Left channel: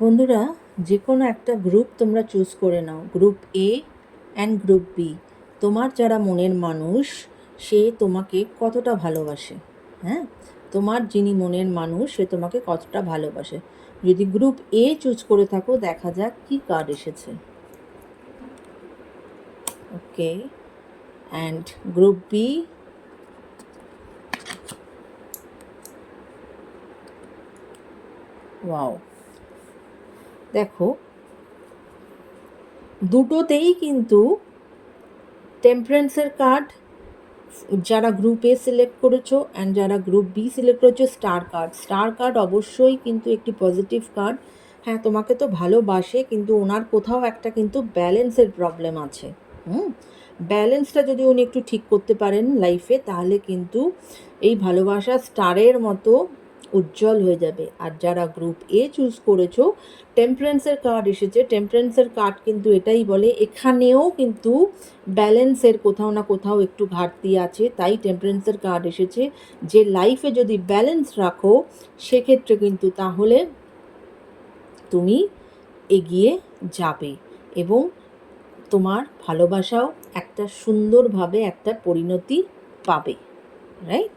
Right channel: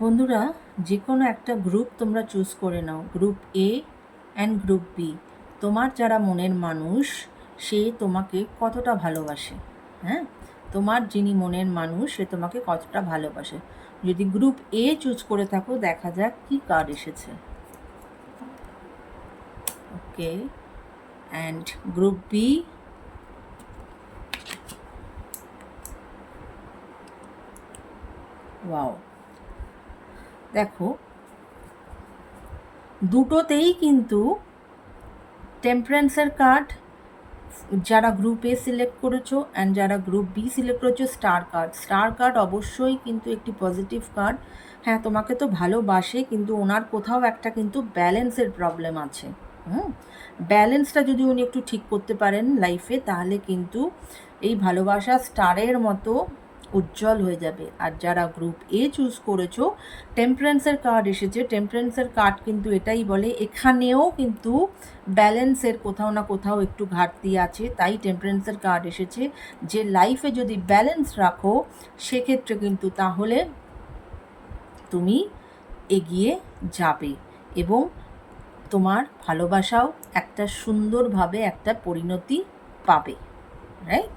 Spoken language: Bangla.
বন্ধুরা, যে কোনো একটা গ্রুপ তোমরা চুজ করে নাও, group A and group B. তোমার যারা মনের মানুষ, সে তোমাকে কতটা ভালোবাসে। হ্যাঁ, তোমার যিনি মনের মানুষ, সে তোমাকে কতটা ভালোবাসে। যদি গ্রুপ এ চুজ করে থাকো, দেখা যাক কি কার্ড এসেছে। ওকে, অ্যান্ড গ্রুপ বি। ওয়াও, দেখো দুটোতেই কিন্তু টেম্পারেন্সের কার্ড। যারা গ্রুপ এ সিলেক্ট করেছো অ্যান্ড যারা গ্রুপ বি সিলেক্ট করেছো, স্টার কার্ড অবশ্যই কিন্তু একটি পজিটিভ কার্ড। হ্যাঁ, তোমাকে তো ভালোবাসে, কিন্তু ওনার কোথাও একটা কিন্তু ব্যালেন্সের প্রবলেম আছে। ব্যালেন্সটা যদি উনি একটু ঠিক করতে পারেন লাইফে, তাহলে কিন্তু এই ভালোবাসা স্টারের মতো উজ্জ্বল হয়ে যাবে। আর যারা গ্রুপ এ চুজ করেছো, টেম্পারেন্সের কার্ড এসেছে। টেম্পারেন্সের কার্ড কিন্তু এটাই বলে, এখানেও কিন্তু ব্যালেন্সের কোথাও না কোথাও একটু ঘাটতি আছে। তাই টেম্পারেন্সের কার্ড এসেছে যে লাইফে যদি ব্যালেন্স রাখো, সেক্ষেত্রে কিন্তু তাহলে তুমি এগিয়ে যাবে এবং তোমার ভালোবাসাও একটা সুন্দরভাবে একটা পরিণতি পাবে। রাইট?